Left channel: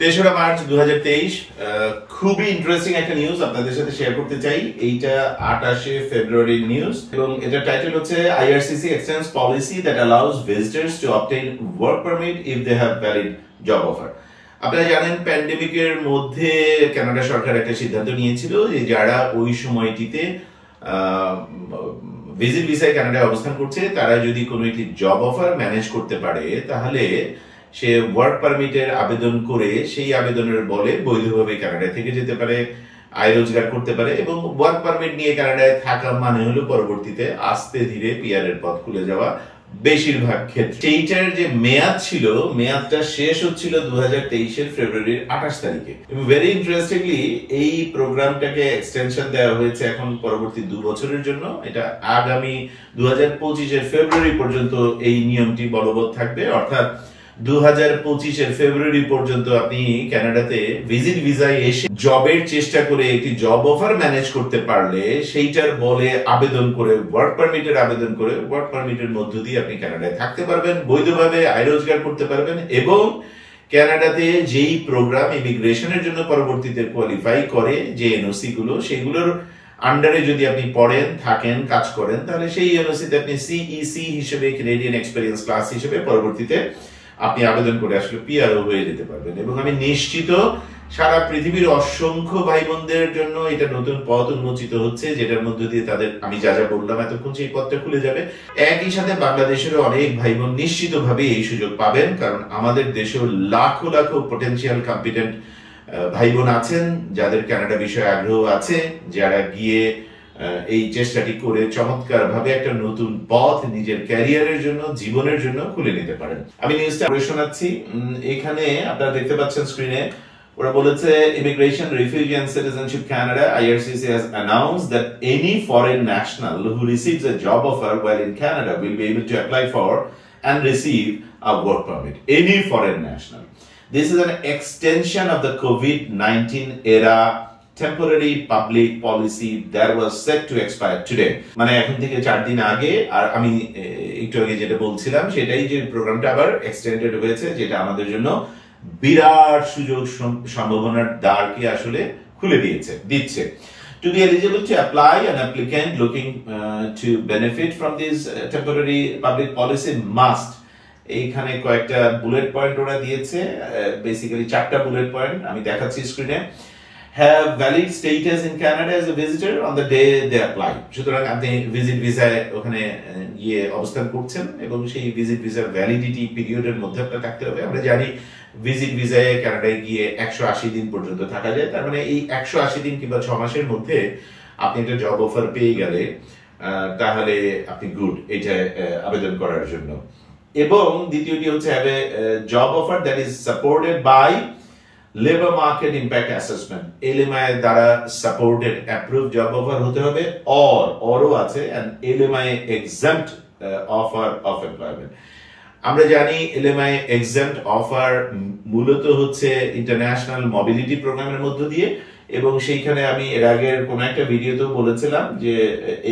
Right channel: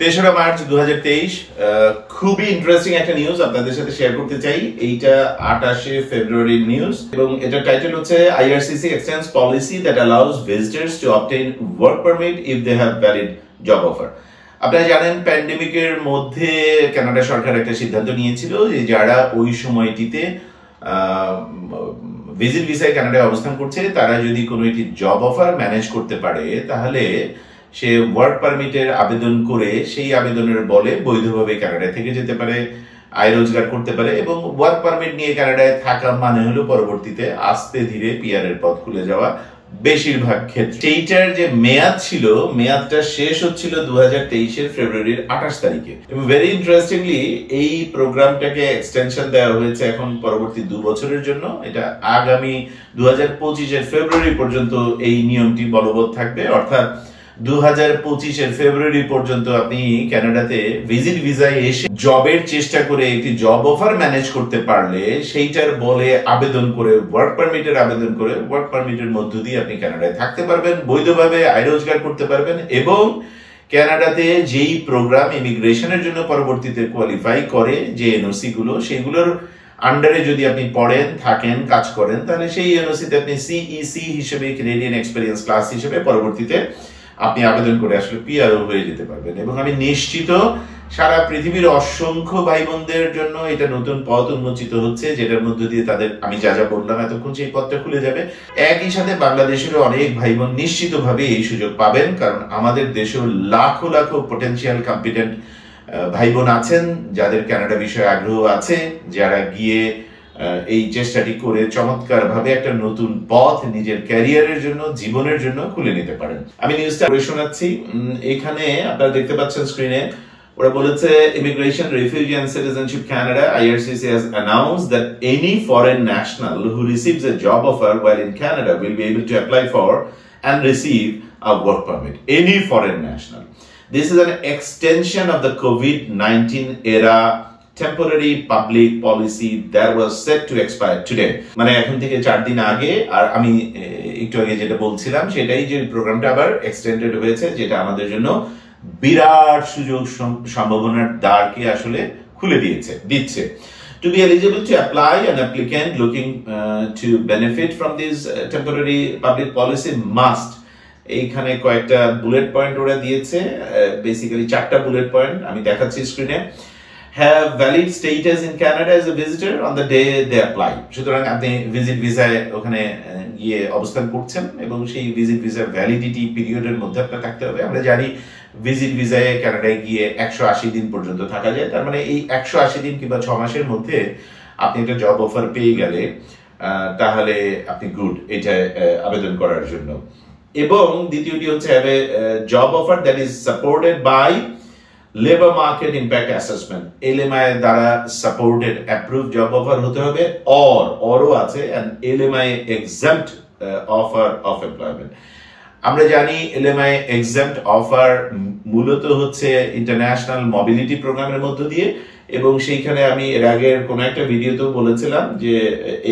তেসরা মার্চ 2023 খুবই ইন্টারেস্টিং একটা নিউজ আপনাদের সাথে শেয়ার করতে চাই। এইটা 28শে ফেব্রুয়ারির নিউজ এবং এটা টাইটেল হচ্ছে IRCC extends policy that allows visitors to obtain work permit if they have valid job offer। আপনারা জানেন প্যান্ডেমিকের মধ্যে কানাডা সরকার একটা সিদ্ধান্ত নিয়েছিল যে যারা ওই সময়টিতে ভিজিট ভিসায় কানাডায় অবস্থান করছে তারা যদি কোনো একটি জব অফার ম্যানেজ করতে পারে তাহলে সে ওয়ার্ক পারমিটের আবেদন করে সেই আবেদনের বলে বৈধভাবে কানাডায় থেকে যেতে পারে, আয় রোজগার করতে পারে এবং ওয়ার্ক পারমিট নিয়ে কানাডায় থাকা মানে হলো পরবর্তীতে আস্তে ধীরে পিআর এর পথ খুলে যাওয়া বেশিরভাগ ক্ষেত্রে। সেইটার যে মেয়াদ ছিল, মেয়াদটা শেষ হচ্ছিল 2023 ফেব্রুয়ারির 28 তারিখে এবং ভেরি ইন্টারেস্টিংলি এই প্রোগ্রামটাকে এক্সটেনশন দেওয়া হয়েছে এখন পরবর্তী 2 বছরের জন্য। এটা আগামী 2025 ফেব্রুয়ারি পর্যন্ত এই নিয়মটি বলবৎ থাকবে, অর্থাৎ 2025 ফেব্রুয়ারি পর্যন্ত আপনি কানাডাতে ভিজিট ভিসায় এসে জবের চেষ্টা করে একটি জব অফার ম্যানেজ করতে পারলে সেইটার বলে আবেদন করে ওয়ার্ক পারমিটের আবেদন করে ওয়ার্ক পারমিটের মধ্য দিয়ে আপনি কানাডায় থাকতে পারবেন, বৈধভাবে আয় রোজগার করতে পারবেন এবং কানাডাতে যেই প্রোগ্রাম ইমিগ্রেশনের জন্য পরবর্তীতে কোয়ালিফাই করে যে এনওসি গুলো সেগুলোর আন্ডারে যদি আপনি পড়েন, থাকেন, কাজ করেন তাহলে সেই এনওসিতে আপনি সিইসি হিসেবে ক্যানাডিয়ান এক্সপেরিয়েন্স ক্লাস হিসেবে পরবর্তীতে আপনি আবেদন করে আসলে পিআরও হয়ে যেতে পারবেন এবং আমি নিশ্চিত সারা পৃথিবীর অসংখ্য ভাই বোনদের জন্য এটা নতুন পথ উন্মোচিত হচ্ছে, যেটার মধ্যে দিয়ে তাদের আমি যা যা বললাম এতক্ষণ সেই পথটা খুলে যাবে। একই সাথে বাংলাদেশেরও অনেক ভাই বোন নিশ্চিতভাবে এই সুযোগ পাবেন, কারণ আমাদের দেশেও লাখো লাখো পটেনশিয়াল কম্পিটেন্ট ভাই বোন আছেন যাদের কানাডা বিষয়ে আগ্রহ আছে, যারা গিয়ে এই চেষ্টাটি করে চমৎকার ভাবে একটা নতুন পথ নিজের ক্যারিয়ারের জন্য, জীবনের জন্য খুলে নিতে পারেন। আমি নিউজটা শোনাচ্ছি, এখানে আপনারা দেখতে পাচ্ছেন স্ক্রিনে, ওরা বলেছে immigration, refugee and citizenship Canada IRCC has announced that any foreign national who receives a job offer while in Canada will be able to apply for and receive a work permit. Any foreign national. This is an extension of the COVID-19 era temporary public policy that was set to expire today. মানে এখন থেকে 4 দিন আগে, আর আমি একটু আগে যেটা বলছিলাম সেটাই যে প্রোগ্রামটা আবার এক্সটেন্ডেড হয়েছে, যেটা আমাদের জন্য বিরাট সুযোগ সম্ভাবনার দ্বারকে আসলে খুলে দিচ্ছে। To be eligible to apply, an applicant looking to benefit from this temporary public policy must, এইখানে কয়েকটা বুলেট পয়েন্ট ওরা দিয়েছে, বেসিক্যালি 4টা বুলেট পয়েন্ট আমি দেখাচ্ছি স্ক্রিনে। Have valid status in Canada as a visitor on the day they apply. সুতরাং আপনি ভিজিট ভিসায় ওখানে গিয়ে অবস্থান করছেন এবং সেই ভিজিট ভিসার ভ্যালিডিটি পিরিয়ডের মধ্যে আপনার থাকতে হবে। আমরা জানি ভিজিট ভিসায় কানাডায় গিয়ে 180 দিন পর্যন্ত থাকা যায়, তার মানে এই 180 দিন কিংবা 6 মাসের মধ্যে আপনি একটা জব অফার পেয়ে গেলে তাহলে আপনি গুড এটা আবেদন করার জন্য। এবং দ্বিতীয়টি হচ্ছে have a job offer that is supported by labour market impact assessment, LMI দ্বারা সাপোর্টেড অ্যাপ্রুভ জব অফার হতে হবে, অরও আছে and LMI exempt offer of employment. আমরা জানি LMI এক্সাম্পট অফার মূলত হচ্ছে ইন্টারন্যাশনাল মোবিলিটি প্রোগ্রামের মধ্য দিয়ে, এবং সেইখানে আমি এর আগের কোন একটা ভিডিওতেও বলেছিলাম যে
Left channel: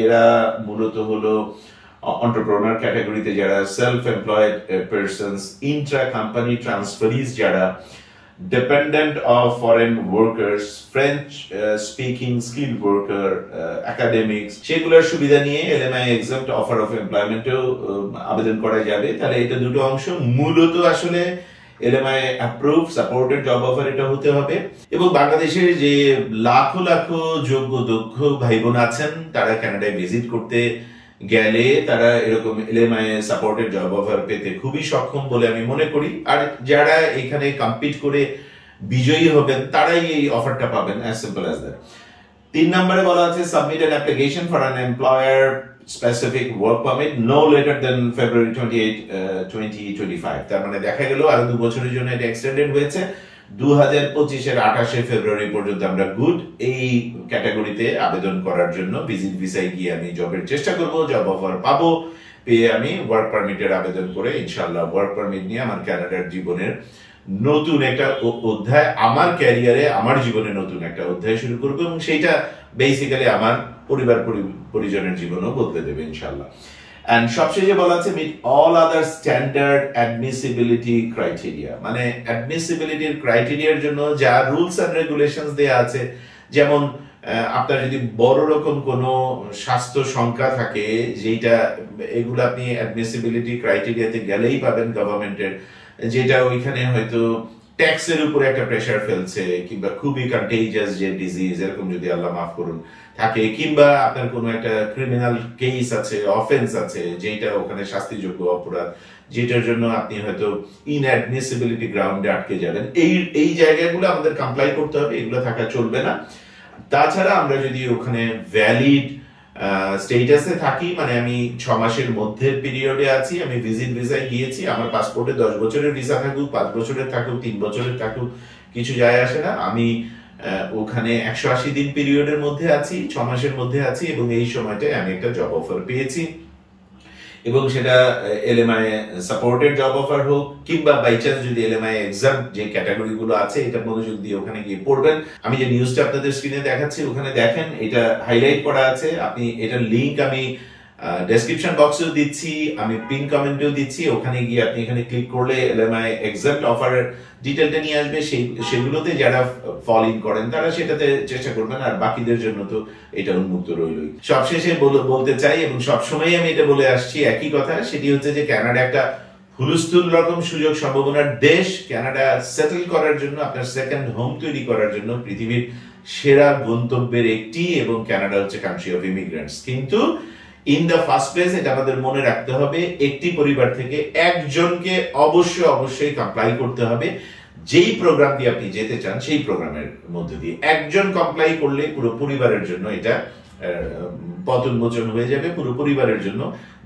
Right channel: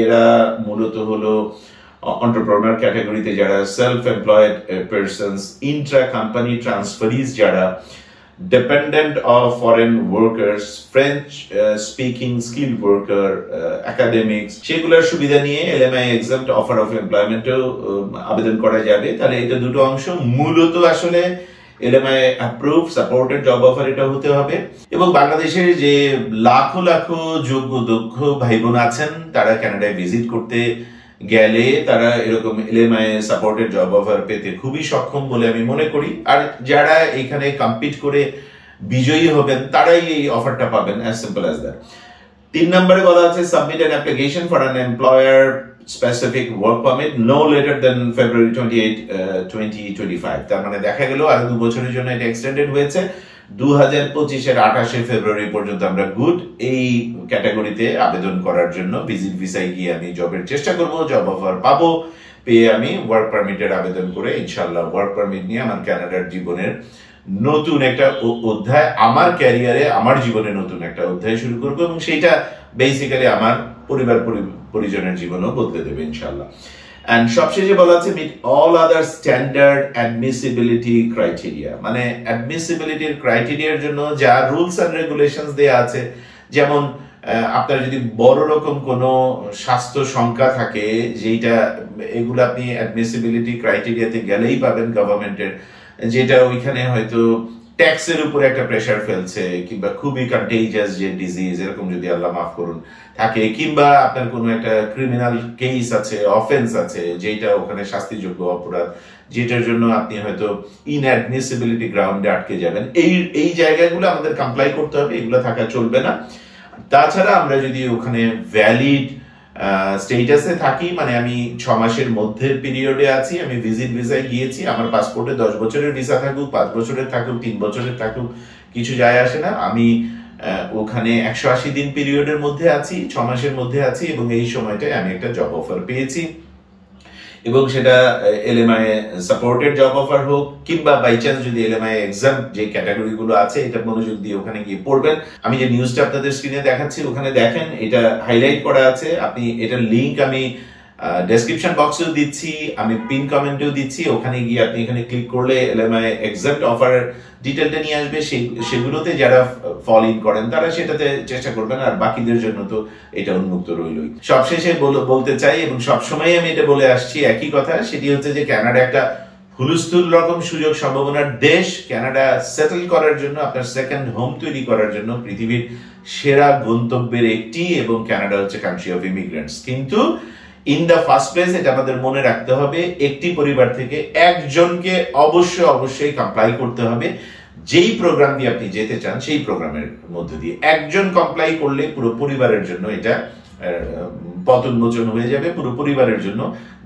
এরা মূলত হলো এন্টারপ্রেনার ক্যাটাগরিতে যারা self employed persons, intra company transferees যারা, dependent of foreign workers, French speaking skilled worker, academics, সেগুলোর সুবিধা নিয়ে LMI exempt offer of employment আবেদন করা যাবে। তাহলে এটা দুটো অংশ, মূলত আসলে LMI approved supported job offer এটা হতে হবে। এবং বাংলাদেশের যে লাখো লাখো যোগ্য দক্ষ ভাই বোন আছেন তারা কানাডায় ভিজিট করতে গেলে তারা এরকম LMI সাপোর্টেড জব অফার পেতে খুবই সক্ষম বলে আমি মনে করি, আর যারা এখানে কম্পিট করে বিজয়ী হবেন তারাই এই অফারটা পাবেন, as simple as that। 3 নম্বরে বলা আছে submit an application for an employer specific work permit no letter then February 28, 2025। তার মানে দেখা গেল আরো 2 বছরের জন্য এটা এক্সটেন্ডেড হয়েছে। 2025 28 ফেব্রুয়ারি পর্যন্ত আমরা গুড এই ক্যাটাগরিতে আবেদন করার জন্য ভিজিট ভিসায় গিয়ে আমি জবের চেষ্টা করব, জব অফার পাবো, পেয়ে আমি ওয়ার্ক পারমিটের আবেদন করে ইনশাআল্লাহ ওয়ার্ক পারমিট নিয়ে আমার কানাডার জীবনের নতুন একটা অধ্যায়, আমার ক্যারিয়ারে আমার জীবনে নতুন একটা অধ্যায় শুরু করব এবং সেইটা বেসিক্যালি আমার পরিবার পরিজনের জীবনও বদলে দেবে ইনশাআল্লাহ। এন্ড সবশেষে বলা আছে meet all other standard admissibility criteria, মানে অ্যাডমিসিবিলিটির ক্রাইটেরিয়ার জন্য যা রুলস এন্ড রেগুলেশনস দেয়া আছে, যেমন আপনার যদি বড় রকম কোনো স্বাস্থ্য শঙ্কা থাকে, যেটা এগুলো আপনি অ্যাডমিসিবিলিটি ক্রাইটেরিয়াতে গেলেই পাবেন গভর্নমেন্টের, যেটা ওইখানে হয়তো ট্যাক্সের উপরে একটা প্রেসার ফেলছে, কিংবা খুবই কন্টেজিয়াস যে ডিজিজ এরকম যদি আল্লাহ মাফ করুন থাকে, কিংবা আপনার কোনো একটা ক্রিমিনাল কেস আছে, অফেন্স আছে, যেটা ওখানে শাস্তিযোগ্য অপরাধ, যেটার জন্য আপনি হয়তো ইনঅ্যাডমিসিবিলিটি গ্রাউন্ডে আটকে যাবেন, এই জায়গাগুলো আমাদের কমপ্লাই করতে হবে, এগুলো থাকা চলবে না। তাছাড়া আমরা যদি ওখানে ভ্যালিড স্টেটাসে থাকি, মানে আমি 6 মাসের মধ্যের পিরিয়ডে আছি, আমি ভিজিট ভিসায় গিয়েছি, আমার পাসপোর্টে 10 বছরের ভিসা থাকুক, 5 বছরের থাকুক, 3 বছরের থাকুক, কিছু যায় আসে না, আমি ওখানে 180 দিন পিরিয়ডের মধ্যে আছি, 6 মাসের মধ্যে আছি, এবং এই সময়টায় আমি একটা জব অফার পেয়েছি, এবং সেটা এলএমআই সাপোর্টেড জব অফার হোক, কিংবা বাই চান্স যদি এলএমআই এক্সাম যে ক্যাটাগরি গুলো আছে এটা মনোযোগ দিয়ে ওখানে গিয়ে পড়বেন। আমি যে নিউজটা আপনাদের স্ক্রিনে দেখাচ্ছি ওখানে দেখেন, এটা হাইলাইট করা আছে, আপনি এটার লিংক আমি ডেসক্রিপশন বক্সেও দিচ্ছি, আমি পিন কমেন্টেও দিচ্ছি, ওখানে গিয়ে আপনি এখানে ক্লিক করলে এলএমআই এক্সাম অফার ডিটেলটা নিয়ে আসবে, সেগুলোতে যারা ফল ইন করেন তারা সেটাতে চেষ্টা করবেন, আর বাকিদের জন্য তো এটা উন্মুক্ত রইলই। সবশেষে বলতে চাই, এবং সবসময় আমি এটা বলে আসছি একই কথা, সেটি হচ্ছে যে কানাডা একটা হুলস্থুল রকম সুযোগ সম্ভাবনার দেশ। কানাডা সেটেল করার জন্য, আপনার সেকেন্ড হোম তৈরি করার জন্য পৃথিবীর সেরা গন্তব্যের একটি, এবং কানাডা হচ্ছে কান্ট্রি অফ ইমিগ্রেন্টস। কিন্তু ইন দা ফার্স্ট প্লেস এটা আমাদের মনে রাখতে হবে, একটি পরিবার থেকে একজনকে অবশ্যই কমপ্লাই করতে হবে। যেই প্রোগ্রাম দিয়ে আপনি যেতে চান সেই প্রোগ্রামের মধ্যে দিয়ে একজন কমপ্লাই করলে পুরো পরিবারের জন্য এটা পথ উন্মোচন হয়ে যাবে, পুরো পরিবারের জন্য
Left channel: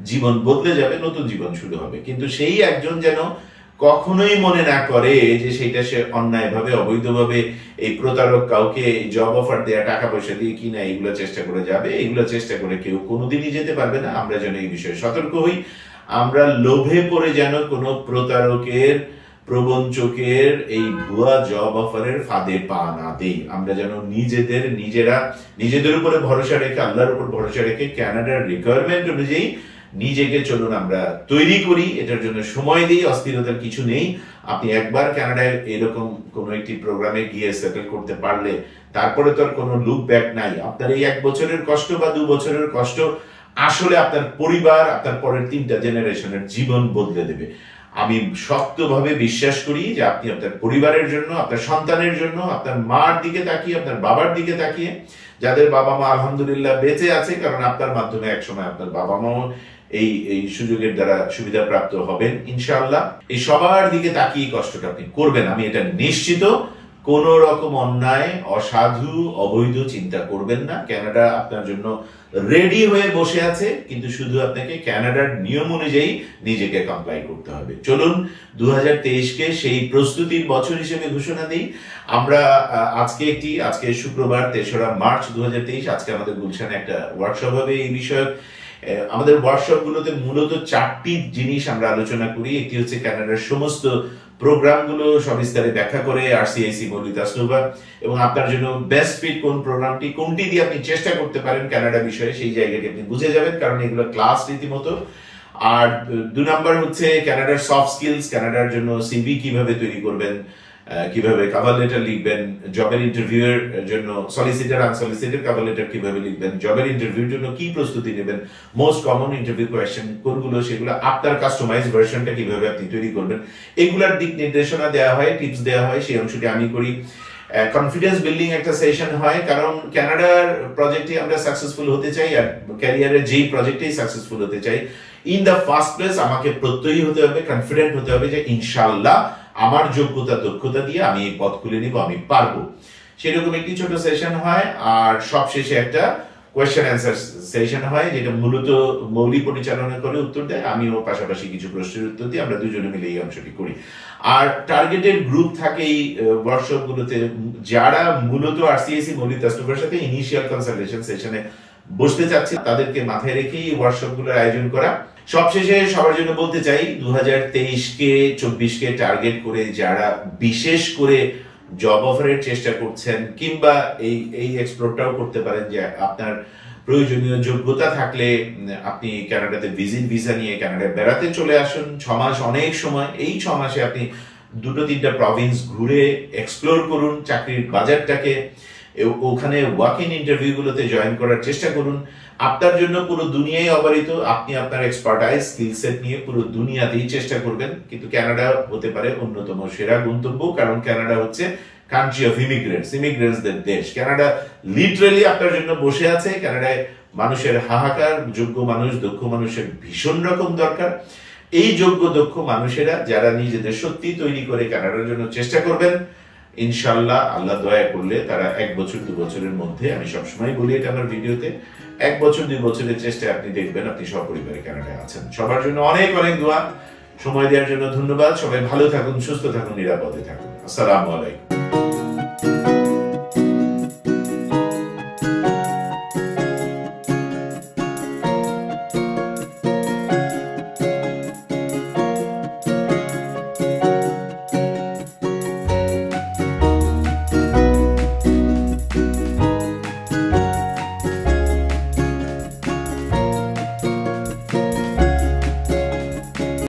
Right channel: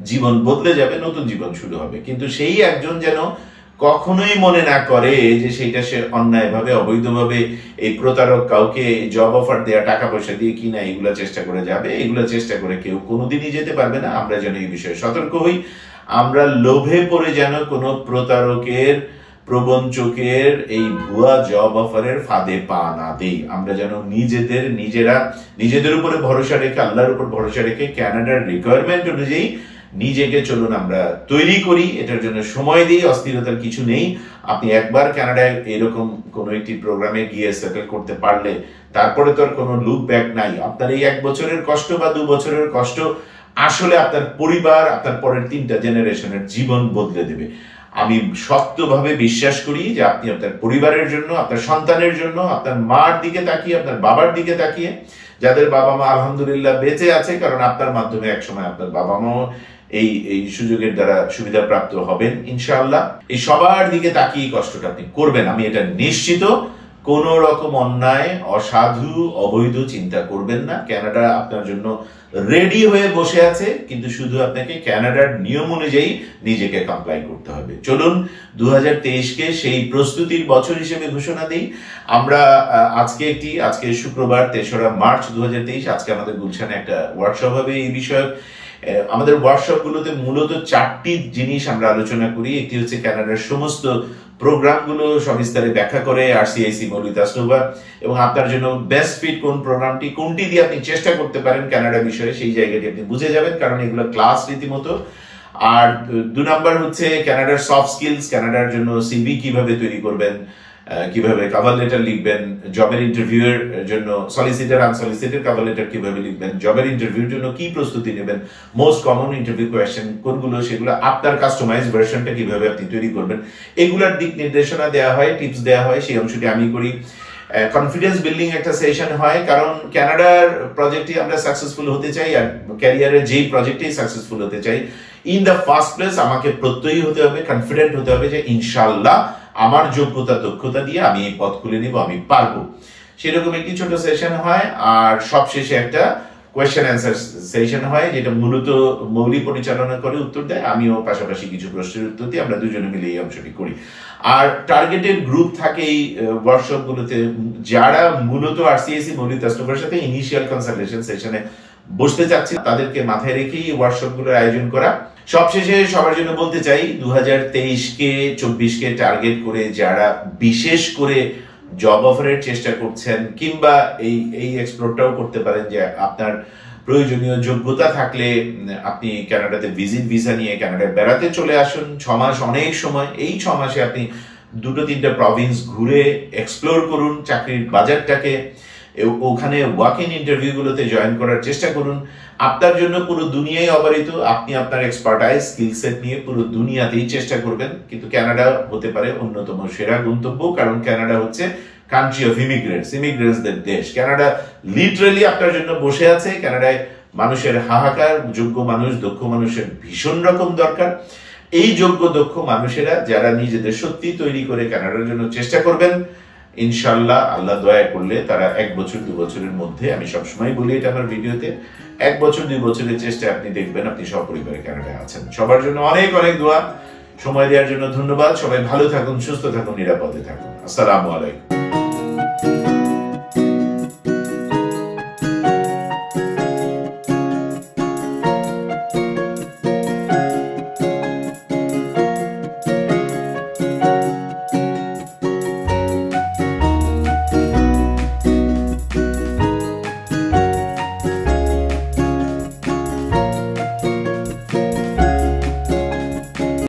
জীবন বদলে যাবে, নতুন জীবন শুরু হবে। কিন্তু সেই একজন যেন কখনোই মনে না করে যে সেইটা সে অন্যায়ভাবে, অবৈধভাবে এই প্রতারক কাউকে জব অফার দেয়া, টাকা পয়সা দিয়ে কিনা এগুলা চেষ্টা করে যাবে, এগুলা চেষ্টা করে কেউ কোনোদিনই যেতে পারবে না। আমরা যেন এই বিষয়ে সতর্ক হই, আমরা লোভে পড়ে যেন কোনো প্রতারকের, প্রবঞ্চকের এই ভুয়া জব অফারের ফাঁদে পা না দেই। আমরা যেন নিজেদের উপরে ভরসা রেখে, আল্লাহর উপর ভরসা রেখে কানাডার রিকোয়ারমেন্ট অনুযায়ী নিজেকে চলুন আমরা তৈরি করি, এটার জন্য সময় দিই, অস্থিরতার কিছু নেই। আপনি একবার কানাডায় এরকম কোনো একটি প্রোগ্রামে গিয়ে সেটেল করতে পারলে তারপরে তো আর কোনো লুক ব্যাক নাই। আপনার এই 1 বছরের কষ্ট বা 2 বছরের কষ্ট আসলে আপনার পরিবার, আপনার পরের 3টা জেনারেশনের জীবন বদলে দেবে। আমি শক্তভাবে বিশ্বাস করি যে আপনি আপনার পরিবারের জন্য, আপনার সন্তানের জন্য, আপনার মার দিকে তাকিয়ে, আপনার বাবার দিকে তাকিয়ে, যাদের বাবা মা আলহামদুলিল্লাহ বেঁচে আছে, কারণ আপনার মাধ্যমে একসময় আপনার বাবা মাও এই সুযোগের দ্বারা সুবিধা প্রাপ্ত হবেন ইনশাআল্লাহ, এই সবার দিকে তাকিয়ে কষ্টটা আপনি করবেন, আমি এটা নিশ্চিত। কোন রকম অন্যায়, অসাধু, অবৈধ চিন্তা করবেন না। কানাডা আপনার জন্য রেডি হয়ে বসে আছে, কিন্তু শুধু আপনাকে কানাডার নিয়ম অনুযায়ী নিজেকে কমপ্লাই করতে হবে। চলুন 2023কে সেই প্রস্তুতির বছর হিসেবে ঘোষণা দিই। আমরা আজকে শুক্রবার 3রা মার্চ 2023, আজকে আমাদের গুলশানে একটা ওয়ার্কশপ হবে এই বিষয়ে। আমাদের ওয়ার্কশপ গুলোতে মূলত 4টি জিনিস আমরা আলোচনা করি। একটি হচ্ছে কানাডার সমস্ত প্রোগ্রামগুলো সবিস্তারে ব্যাখ্যা করে আরসিআইসি মৌলিতা স্নোভা, এবং আপনার জন্য বেস্ট ফিট কোন প্রোগ্রামটি, কোনটি দিয়ে আপনি চেষ্টা করতে পারেন কানাডা বিষয়ে, সেই জায়গাটি আপনি বুঝে যাবেন, কারণ এগুলো ক্লাস রীতিমতো। আর 2 নাম্বার হচ্ছে কানাডার সফট স্কিলস, কানাডার জন্য সিভি কিভাবে তৈরি করবেন, কিভাবে কভার লেটার লিখবেন, জবের ইন্টারভিউয়ের জন্য সলিসিটার আনসলিসিটেড কভার লেটার কিভাবে লিখবেন, জবের ইন্টারভিউর জন্য কি প্রস্তুতি নেবেন, মোস্ট কমন ইন্টারভিউ কোয়েশ্চেন কোনগুলো, সেগুলো আপনার কাস্টমাইজ ভার্সনটা কিভাবে আপনি তৈরি করবেন, এগুলোর দিক নির্দেশনা দেওয়া হয়, টিপস দেওয়া হয়, সেই অংশটি আমি করি। কনফিডেন্স বিল্ডিং একটা সেশন হয়, কারণ কানাডার প্রজেক্টে আমরা সাকসেসফুল হতে চাই, আর ক্যারিয়ারের যেই প্রজেক্টেই সাকসেসফুল হতে চাই, ইন দ্য ফার্স্ট প্লেস আমাকে প্রত্যয়ী হতে হবে, কনফিডেন্ট হতে হবে যে ইনশাআল্লাহ আমার যোগ্যতা দক্ষতা দিয়ে আমি এই পথ খুলে নিব, আমি পারবো। সেরকম একটি ছোট সেশন হয়, আর সবশেষে একটা কোয়েশ্চেন অ্যান্সার সেশন হয়, যেটা মূলত মৌলি পরিচালনা করে উত্তর দেয়, আমিও পাশাপাশি কিছু প্রশ্নের উত্তর দিই, আমরা দুজনে মিলে এই অংশটি করি। আর টার্গেটেড গ্রুপ থাকে এই ওয়ার্কশপ গুলোতে, যারা মূলত আরসিআইসি মৌলিতা স্নোভার সাথে ইনিশিয়াল কনসালটেশন সেশনে বসতে চাচ্ছি, তাদেরকে মাথায় রেখেই এই ওয়ার্কশপ গুলোর আয়োজন করা। সবশেষে সবার জন্য বলতে চাই, 2023কে 24কে টার্গেট করে যারা বিশেষ করে জব অফারের চেষ্টা করছেন, কিংবা এই এক্সপ্লোরটাও করতে পারেন যে আপনার প্রয়োজনীয় যোগ্যতা থাকলে আপনি কানাডাতে ভিজিট ভিসা নিয়ে কানাডায় বেড়াতে চলে আসুন। 6 মাস অনেক সময়, এই 6 মাসে আপনি 2-3টা প্রভিন্স ঘুরে এক্সপ্লোর করুন চাকরির বাজারটাকে। ওখানে ওয়াক ইন ইন্টারভিউগুলোতে জয়েন করার চেষ্টা করুন। আপনার জন্য পুরো দুনিয়ায় অবারিত, আপনি আপনার এক্সপার্টাইজ স্কিল সেট নিয়ে পুরো দুনিয়াতেই চেষ্টা করবেন। কিন্তু কানাডা হতে পারে অন্যতম সেরা গন্তব্য, কারণ কানাডা হচ্ছে কান্ট্রি অফ ইমিগ্রেন্টসদের দেশ। কানাডা লিটারালি আপনার জন্য বসে আছে। কানাডায় মানুষের হাহাকার, যোগ্য মানুষ, দক্ষ মানুষের ভীষণ রকম দরকার। এই যোগ্য দক্ষ মানুষেরা যারা নিজেদের সত্যি তৈরি করে কানাডার জন্য চেষ্টা করবেন, ইনশাল্লাহ আল্লাহ দয়া করলে তারা 1 বছর 2 বছরের মধ্যে, আমি সবসময় বলি এটা আমার ভিডিওতে, 1 বছর 2 বছরের চেষ্টায় আপনি দেখবেন আপনি সপরিবারে কানাডায় আছেন। সবার জন্য অনেক অনেক দোয়া। সময় দেওয়ার জন্য ধন্যবাদ। সবাই ভালো থাকুন, সুস্থ থাকুন, নিরাপদে থাকুন। আসসালামু আলাইকুম।